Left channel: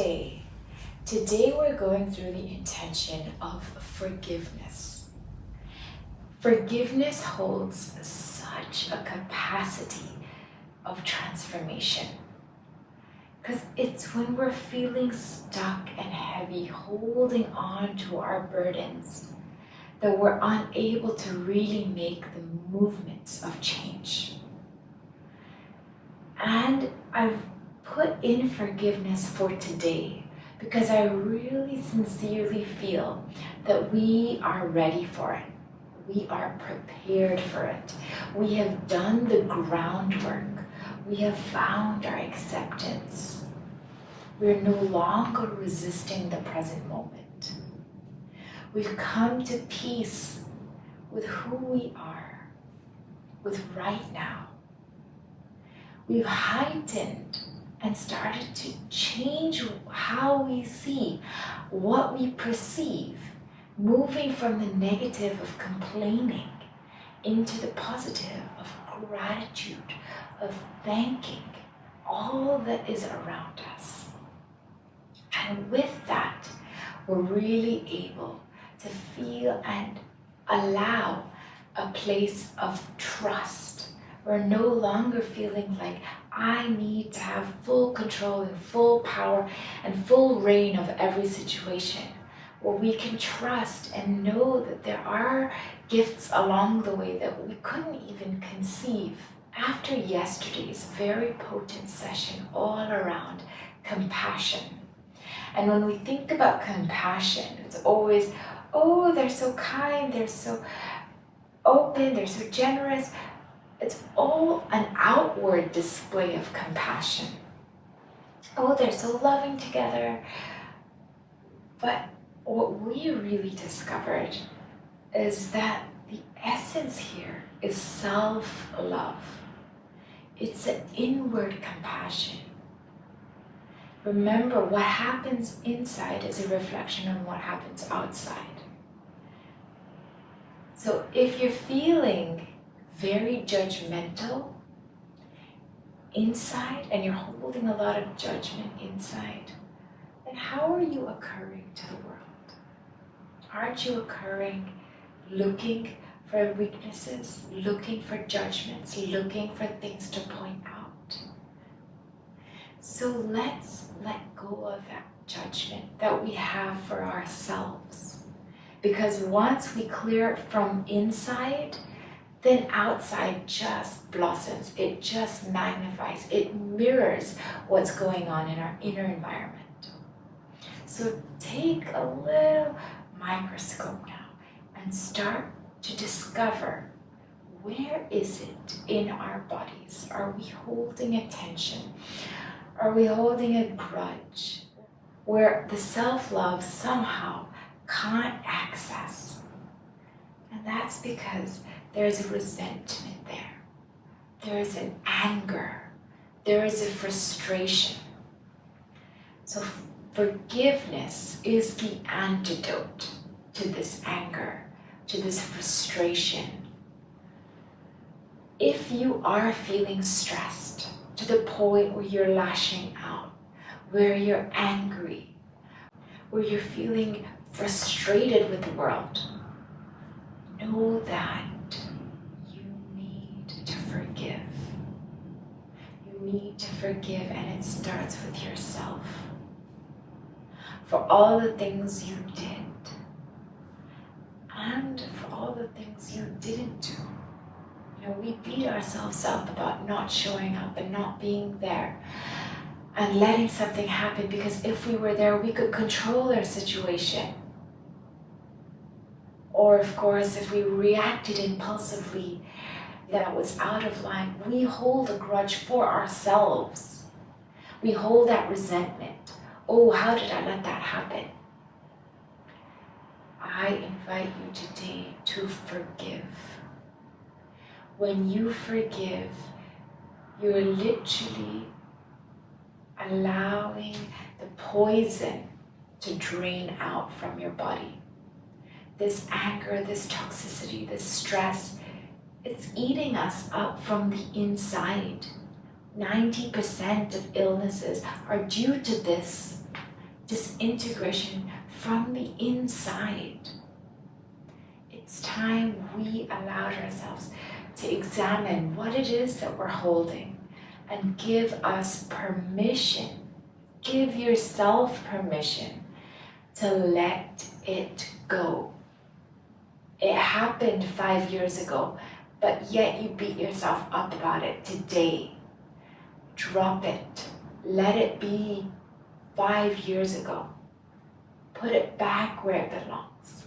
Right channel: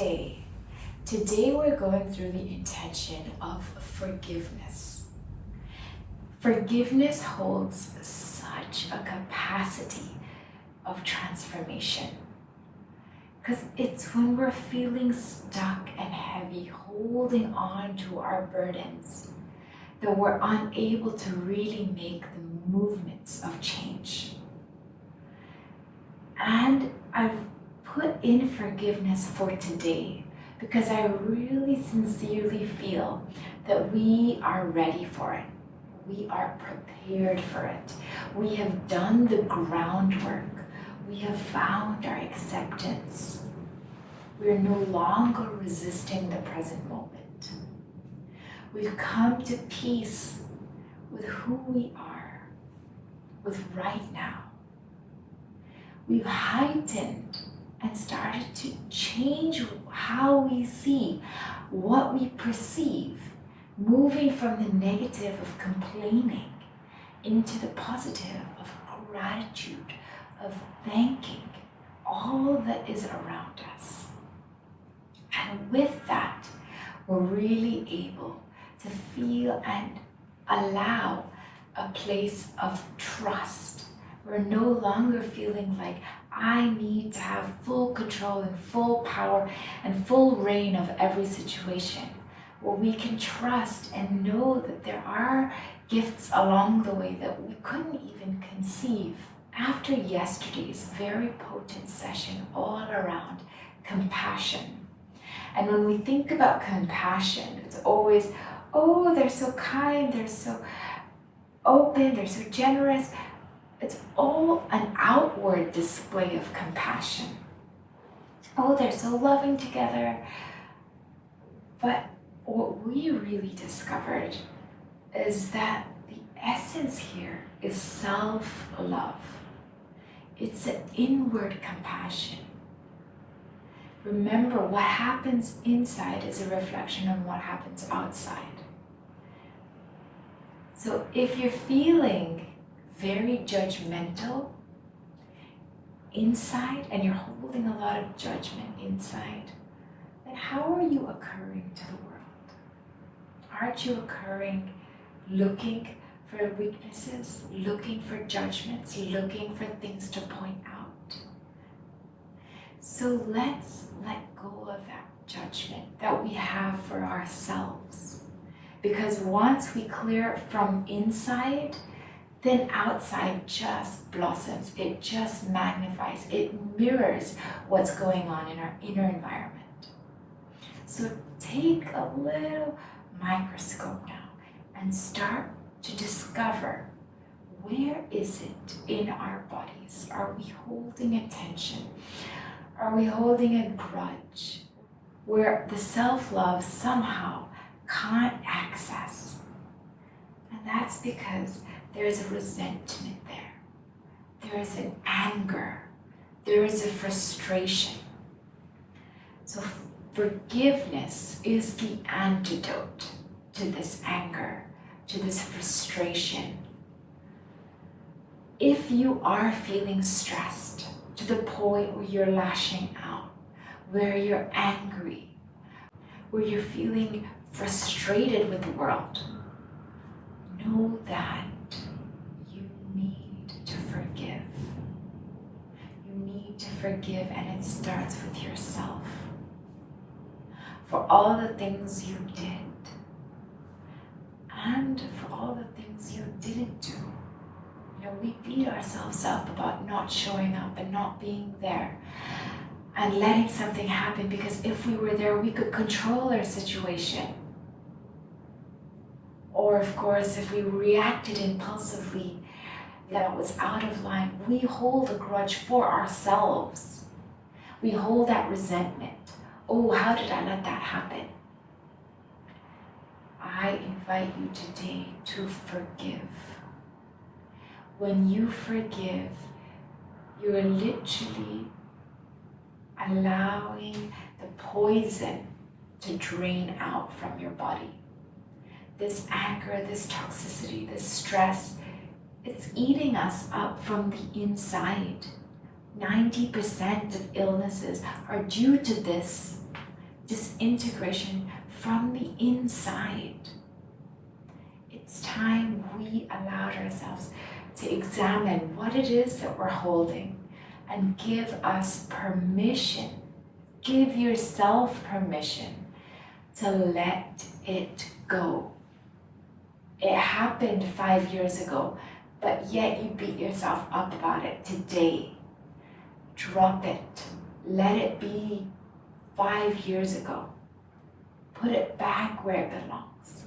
Namaste. Today we're going through the intention of forgiveness. Forgiveness holds such a capacity of transformation because it's when we're feeling stuck and heavy, holding on to our burdens, that we're unable to really make the movements of change. And I've put in forgiveness for today because I really sincerely feel that we are ready for it. We are prepared for it. We have done the groundwork. We have found our acceptance. We're no longer resisting the present moment. We've come to peace with who we are, with right now. We've heightened and started to change how we see, what we perceive, moving from the negative of complaining into the positive of gratitude, of thanking all that is around us. And with that, we're really able to feel and allow a place of trust. We're no longer feeling like I need to have full control and full power and full reign of every situation, where we can trust and know that there are gifts along the way that we couldn't even conceive. After yesterday's very potent session all around compassion. And when we think about compassion, it's always, oh, they're so kind, they're so open, they're so generous. It's all an outward display of compassion. Oh, they're so loving together. But what we really discovered is that the essence here is self-love. It's an inward compassion. Remember, what happens inside is a reflection of what happens outside. So if you're feeling very judgmental inside and you're holding a lot of judgment inside, then how are you occurring to the world? Aren't you occurring looking for weaknesses, looking for judgments, looking for things to point out? So let's let go of that judgment that we have for ourselves. Because once we clear it from inside, then outside just blossoms, it just magnifies, it mirrors what's going on in our inner environment. So take a little microscope now and start to discover, where is it in our bodies? Are we holding a tension? Are we holding a grudge where the self-love somehow can't access? And that's because there is a resentment there. There is an anger. There is a frustration. So forgiveness is the antidote to this anger, to this frustration. If you are feeling stressed to the point where you're lashing out, where you're angry, where you're feeling frustrated with the world, know that you need to forgive. You need to forgive, and it starts with yourself. For all the things you did, and for all the things you didn't do. You know, we beat ourselves up about not showing up and not being there and letting something happen, because if we were there, we could control our situation. Or of course, if we reacted impulsively, that was out of line, we hold a grudge for ourselves. We hold that resentment. Oh, how did I let that happen? I invite you today to forgive. When you forgive, you're literally allowing the poison to drain out from your body. This anger, this toxicity, this stress, it's eating us up from the inside. 90% of illnesses are due to this. disintegration from the inside. It's time we allowed ourselves to examine what it is that we're holding and give us permission. Give yourself permission to let it go. It happened 5 years ago, but yet you beat yourself up about it today. Drop it. Let it be 5 years ago. Put it back where it belongs.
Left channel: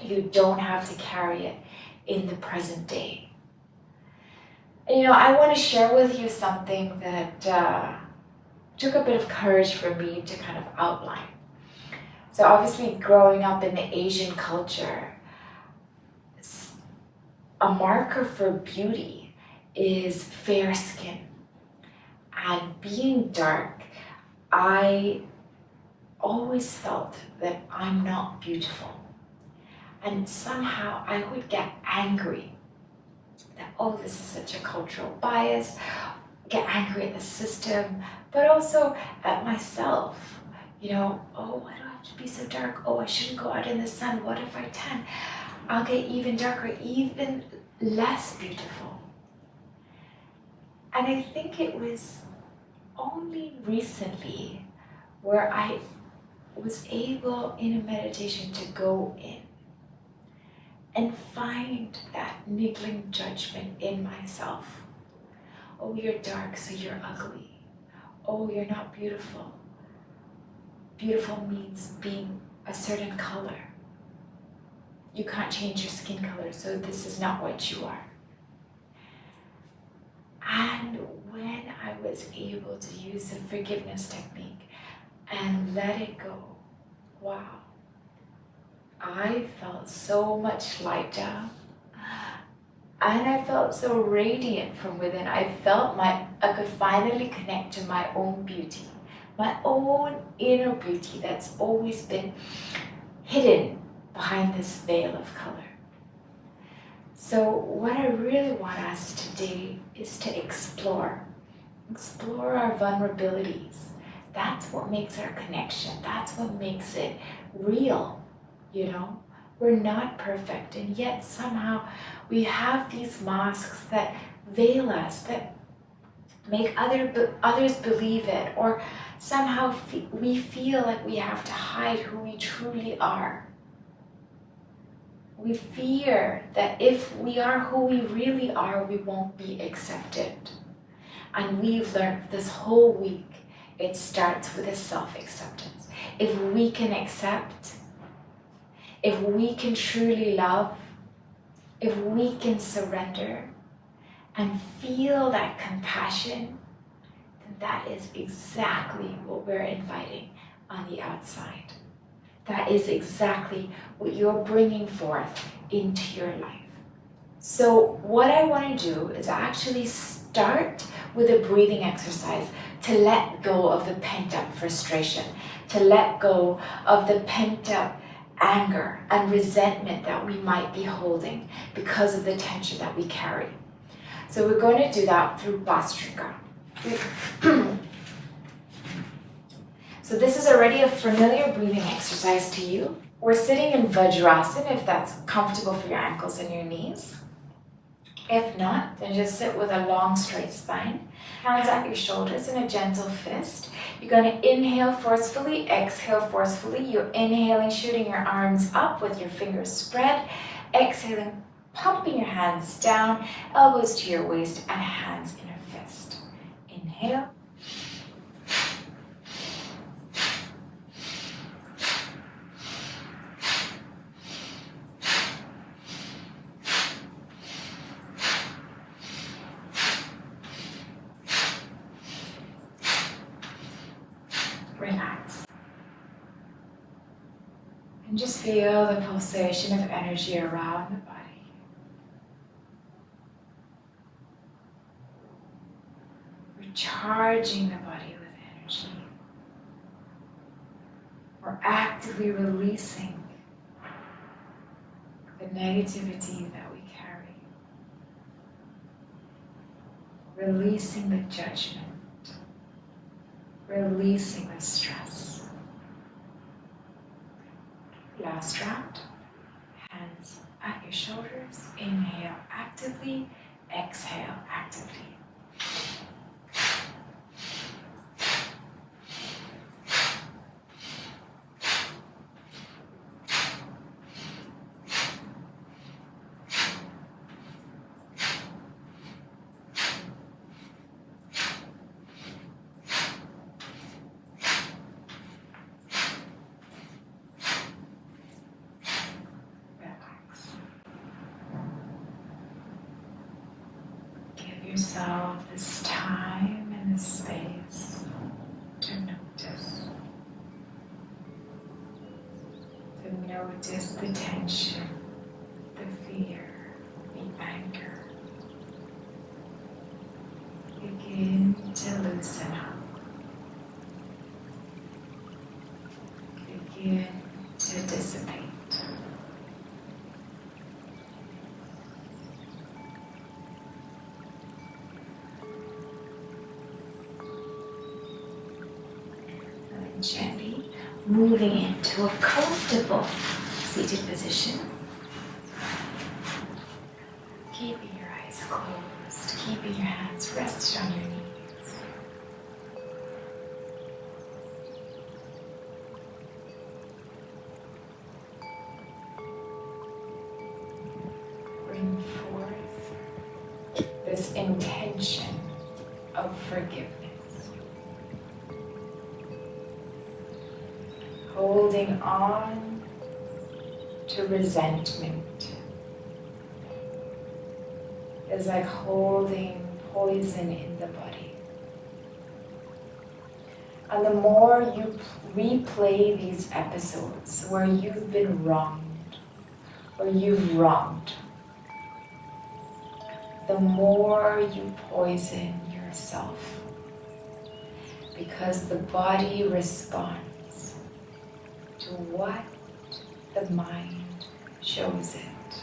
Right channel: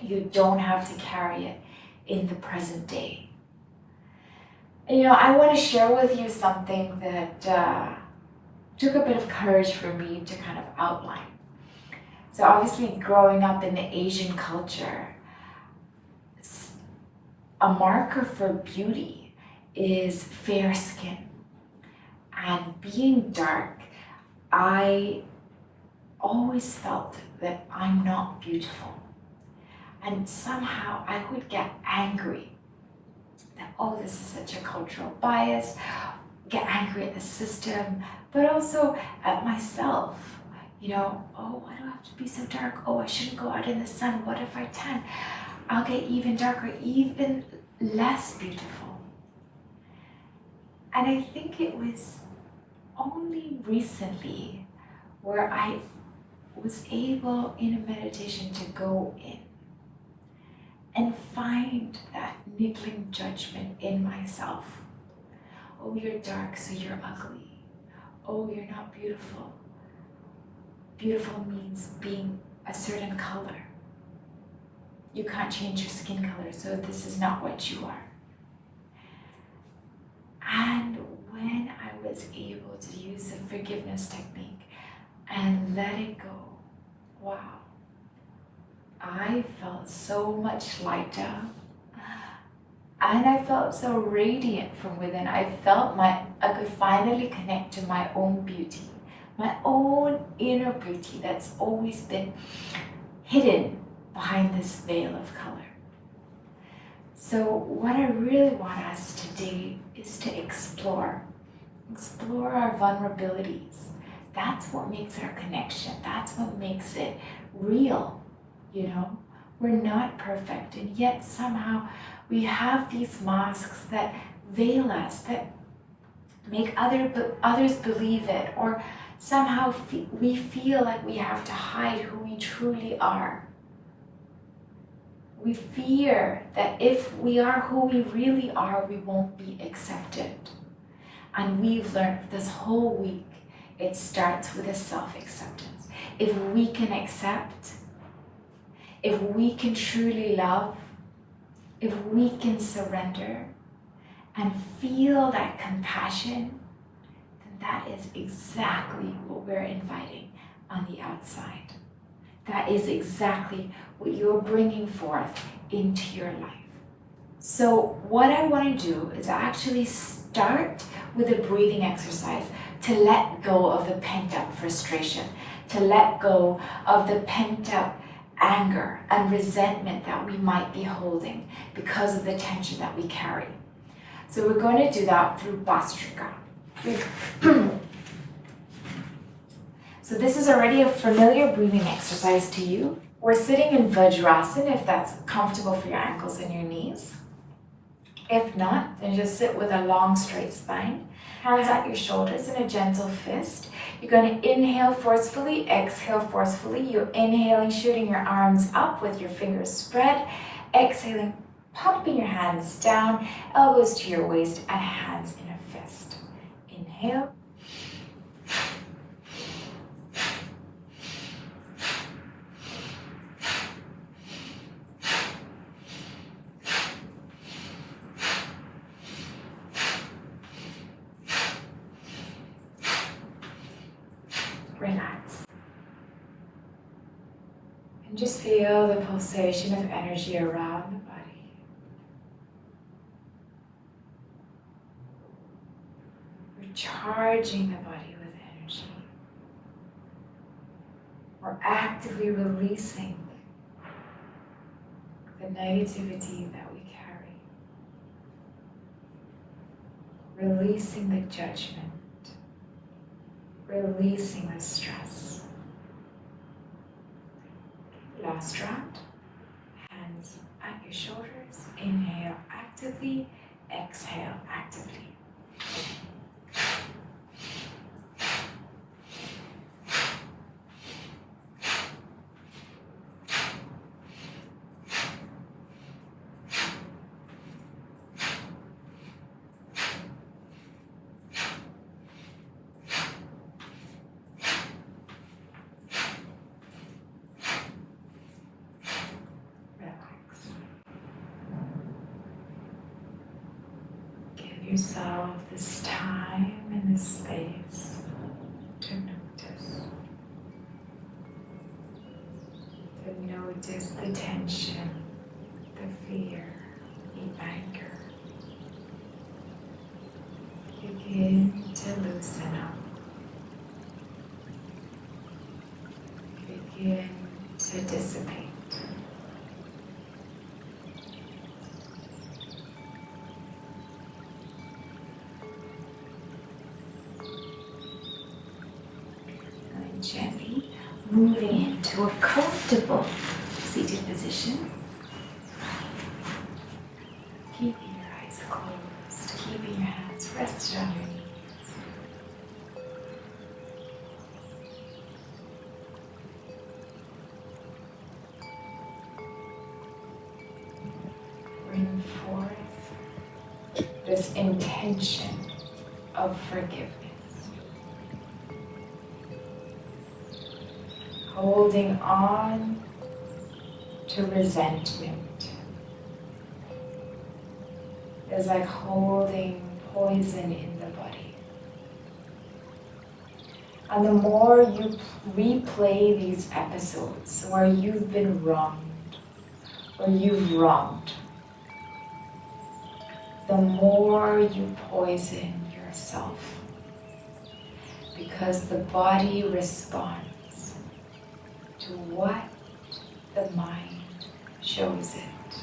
You don't have to carry it in the present day. And I want to share with you something that took a bit of courage for me to kind of outline. So obviously growing up in the Asian culture, a marker for beauty is fair skin. And being dark, I always felt that I'm not beautiful. And somehow I would get angry that, oh, this is such a cultural bias, get angry at the system, but also at myself. Oh, why do I have to be so dark? Oh, I shouldn't go out in the sun. What if I tan? I'll get even darker, even less beautiful. And I think it was only recently where I was able in a meditation to go in and find that niggling judgment in myself. Oh, you're dark, so you're ugly. Oh, you're not beautiful. Beautiful means being a certain color. You can't change your skin color, so this is not what you are. And when I was able to use the forgiveness technique and let it go, wow, I felt so much lighter. And I felt so radiant from within. I felt I could finally connect to my own beauty, my own inner beauty that's always been hidden behind this veil of color. So what I really want us today is to explore our vulnerabilities. That's what makes our connection. That's what makes it real, We're not perfect, and yet somehow we have these masks that veil us, that make others believe it, or somehow we feel like we have to hide who we truly are. We fear that if we are who we really are, we won't be accepted. And we've learned this whole week, it starts with a self-acceptance. If we can accept, if we can truly love, if we can surrender and feel that compassion, then that is exactly what we're inviting on the outside. That is exactly what you're bringing forth into your life. So what I want to do is actually start with a breathing exercise to let go of the pent-up frustration, to let go of the pent-up anger and resentment that we might be holding because of the tension that we carry. So we're going to do that through Bhastrika. So this is already a familiar breathing exercise to you. We're sitting in Vajrasana if that's comfortable for your ankles and your knees. If not, then just sit with a long straight spine. Hands at your shoulders in a gentle fist. You're going to inhale forcefully, exhale forcefully. You're inhaling, shooting your arms up with your fingers spread. Exhaling, pumping your hands down, elbows to your waist and hands in a fist. Inhale. Relax. And just feel the pulsation of energy around the body. We're charging the body with energy. We're actively releasing the negativity that we carry. Releasing the judgment. Releasing the stress. last round. Hands at your shoulders. Inhale actively. Exhale actively. Yourself this time and this space to notice the tension, the fear, the anger. Begin to loosen up. Begin to dissipate. Gently moving into a comfortable seated position. Keeping your eyes closed, keeping your hands rested on your knees. Bring forth this intention of forgiveness. Holding on to resentment is like holding poison in the body. And the more you replay these episodes where you've been wronged, or you've wronged, the more you poison yourself. Because the body responds to what the mind shows it.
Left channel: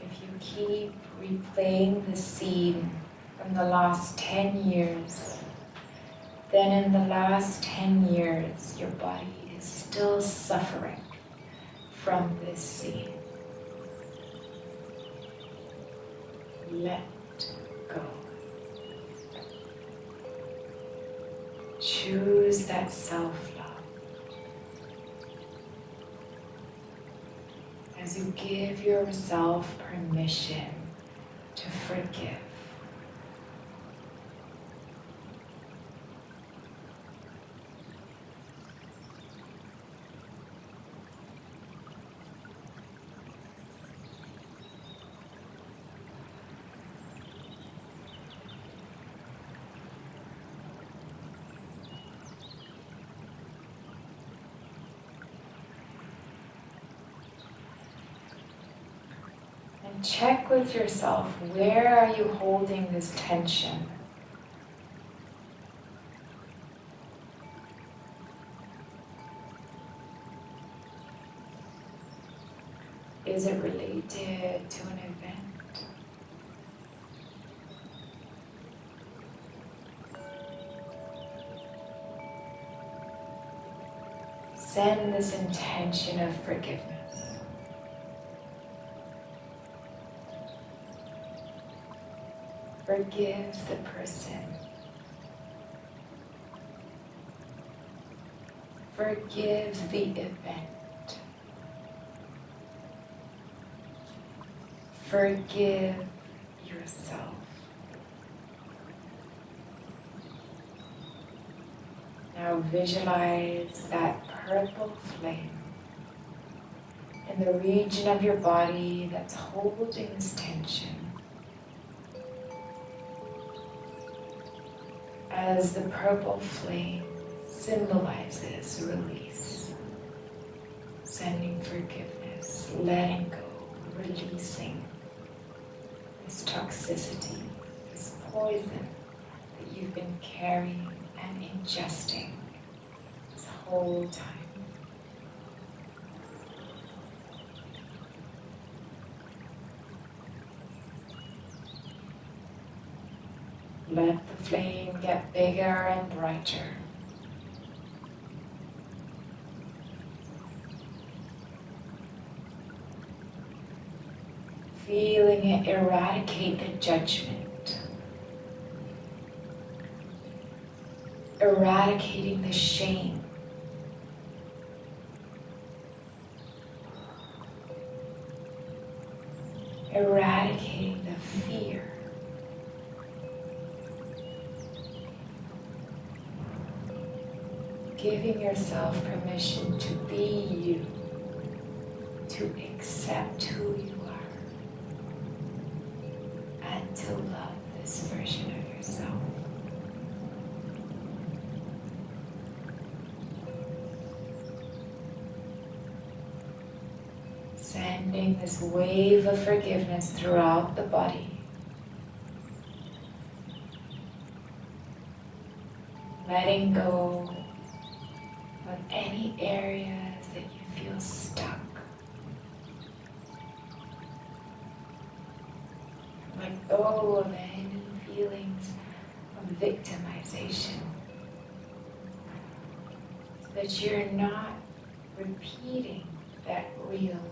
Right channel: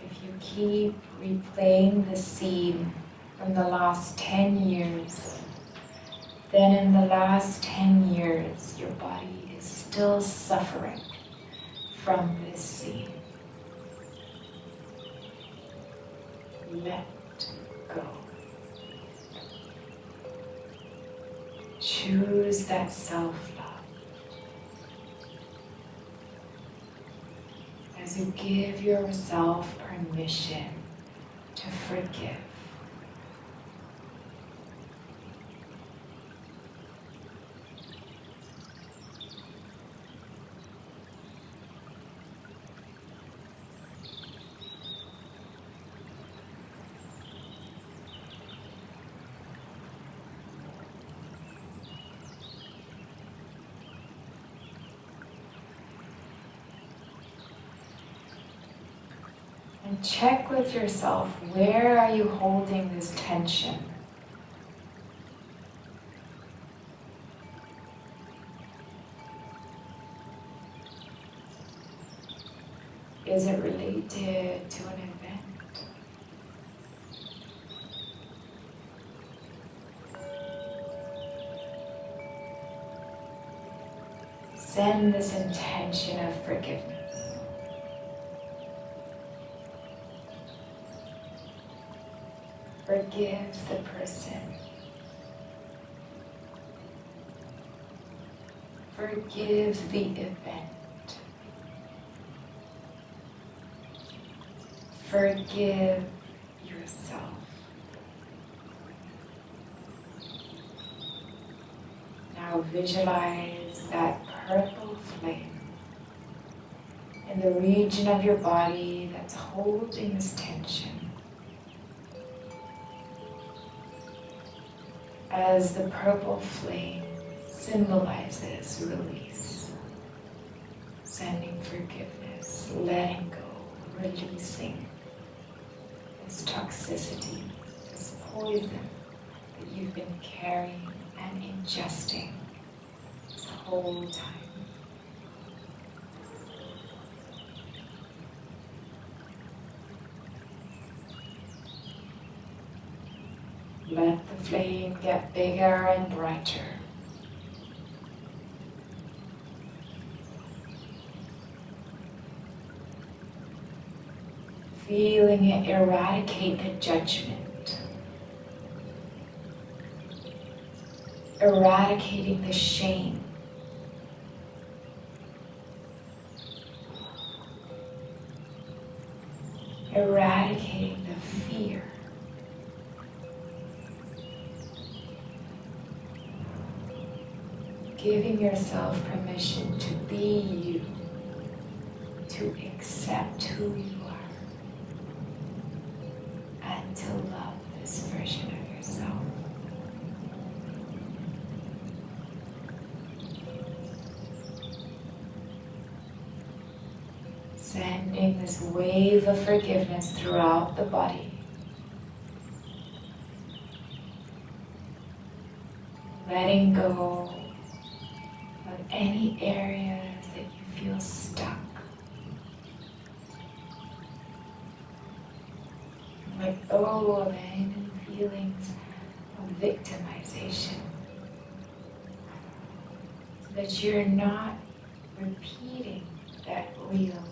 If you keep replaying the scene from the last 10 years, then in the last 10 years, your body is still suffering from this scene. Let go. Choose that self-love. As you give yourself permission to forgive. And check with yourself, where are you holding this tension? Is it related to an event? Send this intention of forgiveness. Forgive the person. Forgive the event. Forgive yourself. Now visualize that purple flame in the region of your body that's holding this tension. As the purple flame symbolizes release, sending forgiveness, letting go, releasing this toxicity, this poison that you've been carrying and ingesting this whole time. Let the flame get bigger and brighter. Feeling it eradicate the judgment, eradicating the shame, eradicating the fear. Giving yourself permission to be you, to accept who you are, and to love this version of yourself. Sending this wave of forgiveness throughout the body. Letting go of any areas that you feel stuck. Let go of any feelings of victimization, so that you're not repeating that wheel,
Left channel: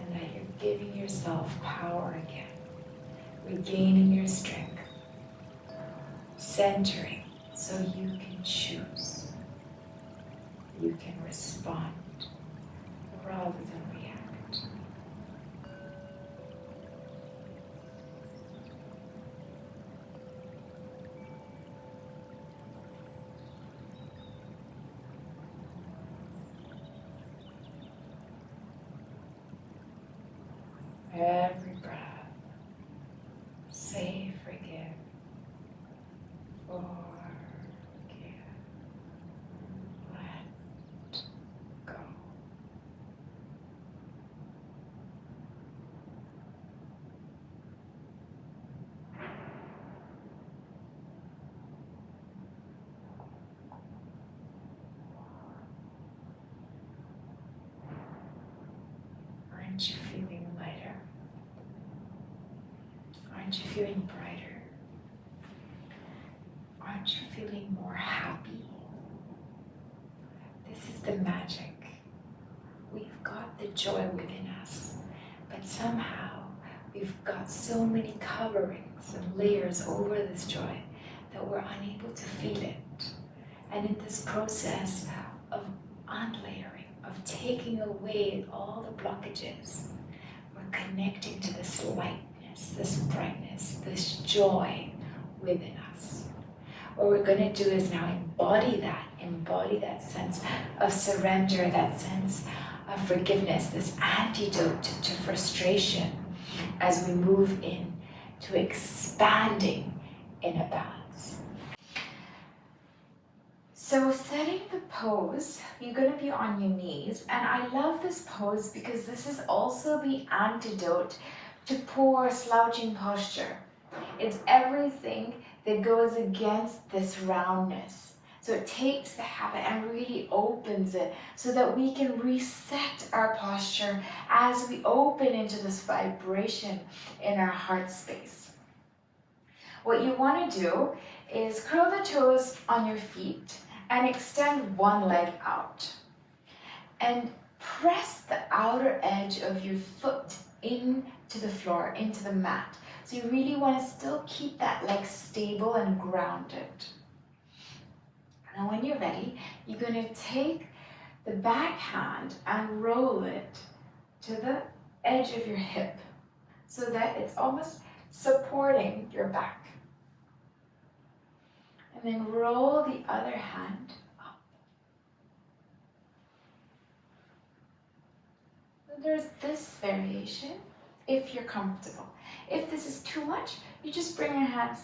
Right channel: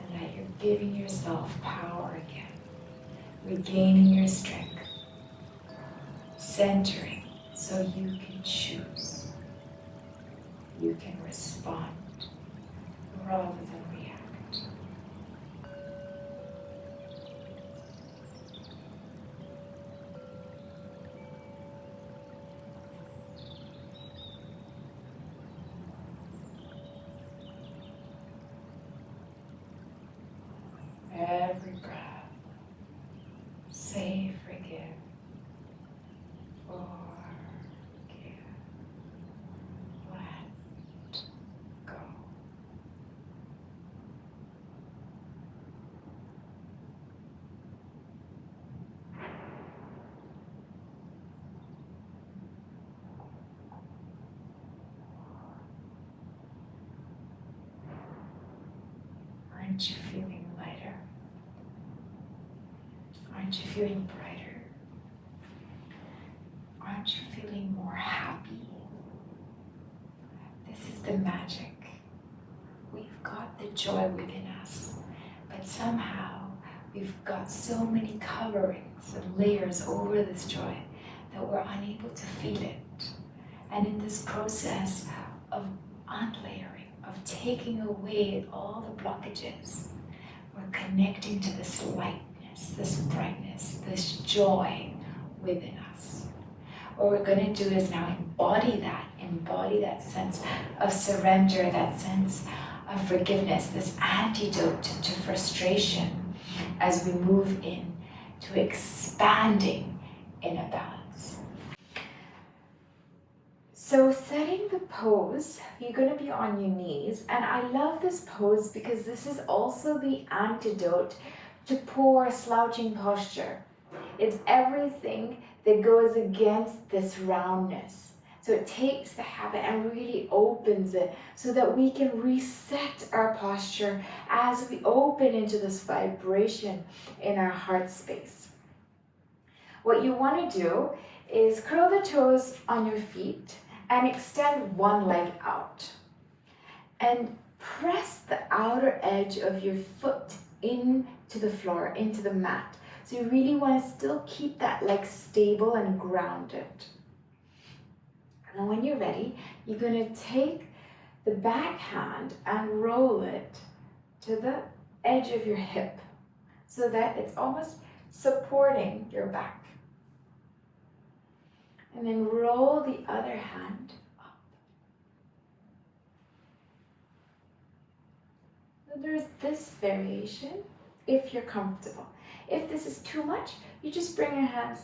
and that you're giving yourself power again, regaining your strength, centering so you can choose, you can respond rather than react. Every breath, say forgive, forgive, let go. Aren't you feeling lighter? Aren't you feeling brighter? Aren't you feeling more happy? This is the magic. We've got the joy within us, but somehow we've got so many coverings and layers over this joy that we're unable to feel it. And in this process of unlayering, of taking away all the blockages, we're connecting to this lightness, this brightness, this joy within us. What we're going to do is now embody that sense of surrender, that sense of forgiveness, this antidote to frustration as we move in to expanding in a balance. So setting the pose, you're going to be on your knees, and I love this pose because this is also the antidote to poor slouching posture. It's everything that goes against this roundness. So it takes the habit and really opens it so that we can reset our posture as we open into this vibration in our heart space. What you want to do is curl the toes on your feet and extend one leg out. And press the outer edge of your foot into the floor, into the mat. So you really want to still keep that leg stable and grounded. And when you're ready, you're going to take the back hand and roll it to the edge of your hip so that it's almost supporting your back. And then roll the other hand up. So there's this variation if you're comfortable. If this is too much, you just bring your hands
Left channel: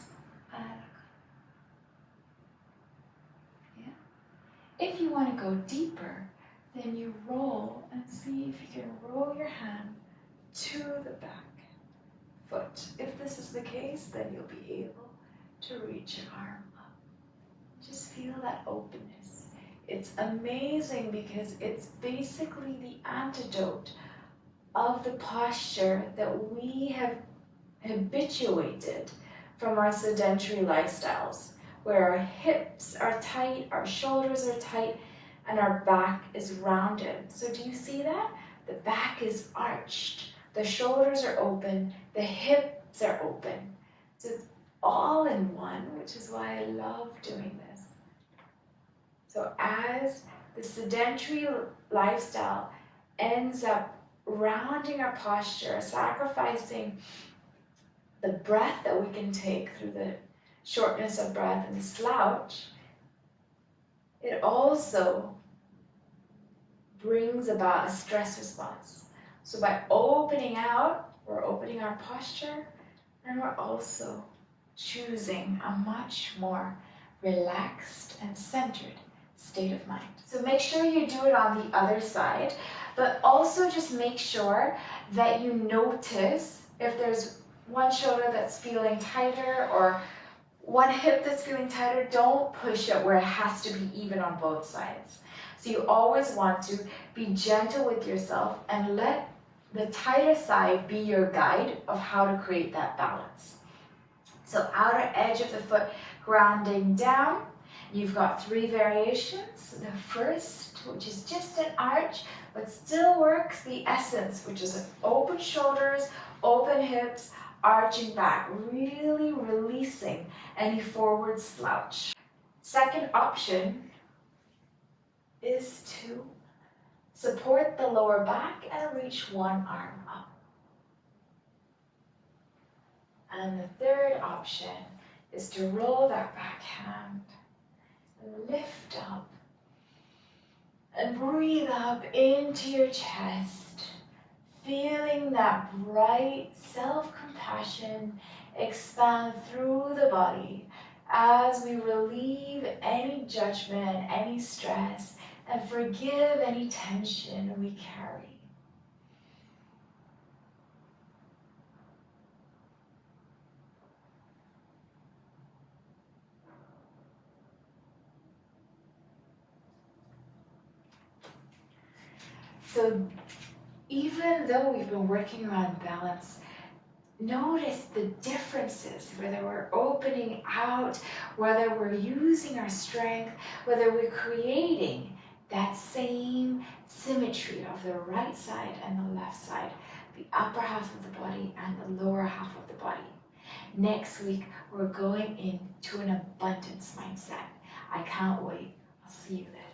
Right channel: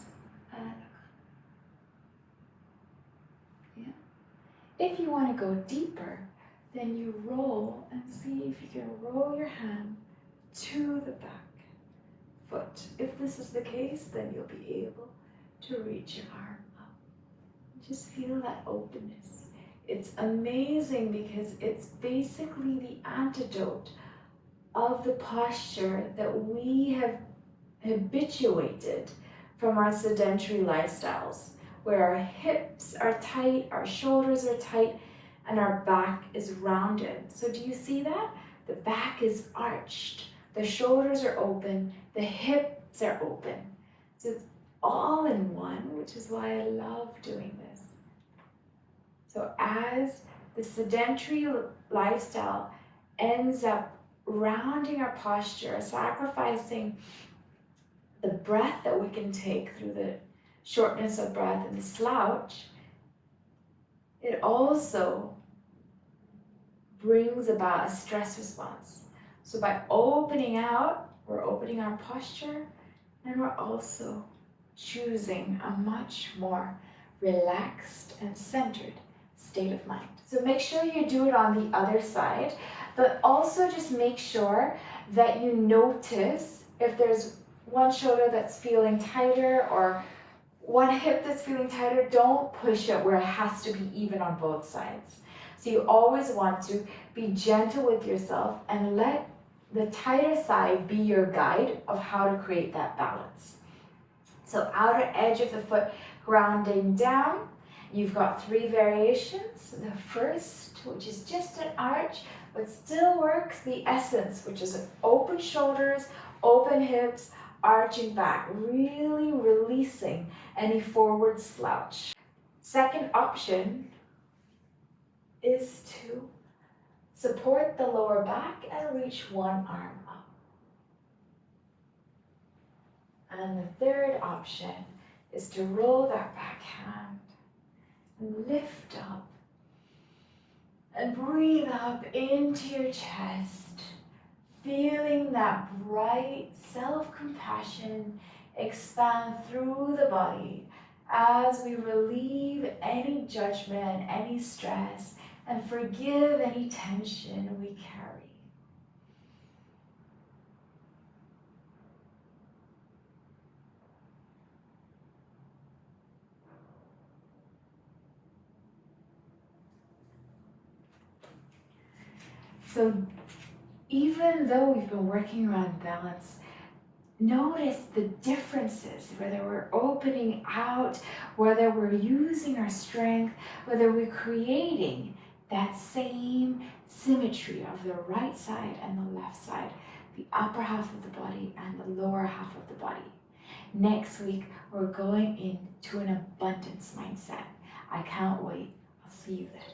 If you want to go deeper, then you roll and see if you can roll your hand to the back foot. If this is the case, then you'll be able to reach your arm up. Just feel that openness. It's amazing because it's basically the antidote of the posture that we have habituated from our sedentary lifestyles, where our hips are tight, our shoulders are tight, and our back is rounded. So do you see that? The back is arched, the shoulders are open, the hips are open. So it's all in one, which is why I love doing this. So as the sedentary lifestyle ends up rounding our posture, sacrificing the breath that we can take through the shortness of breath and the slouch, it also brings about a stress response. So by opening out, we're opening our posture, and we're also choosing a much more relaxed and centered state of mind. So make sure you do it on the other side, but also just make sure that you notice if there's one shoulder that's feeling tighter or one hip that's feeling tighter. Don't push it where it has to be even on both sides. So you always want to be gentle with yourself and let the tighter side be your guide of how to create that balance. So outer edge of the foot grounding down. You've got 3 variations. The first, which is just an arch, but still works the essence, which is an open shoulders, open hips, arching back, really releasing any forward slouch. Second option is to support the lower back and reach one arm up. And the third option is to roll that back hand, lift up, and breathe up into your chest, feeling that bright self-compassion expand through the body as we relieve any judgment, any stress, and forgive any tension we carry. So even though we've been working on balance, notice the differences, whether we're opening out, whether we're using our strength, whether we're creating that same symmetry of the right side and the left side, the upper half of the body and the lower half of the body. Next week, we're going into an abundance mindset. I can't wait. I'll see you then.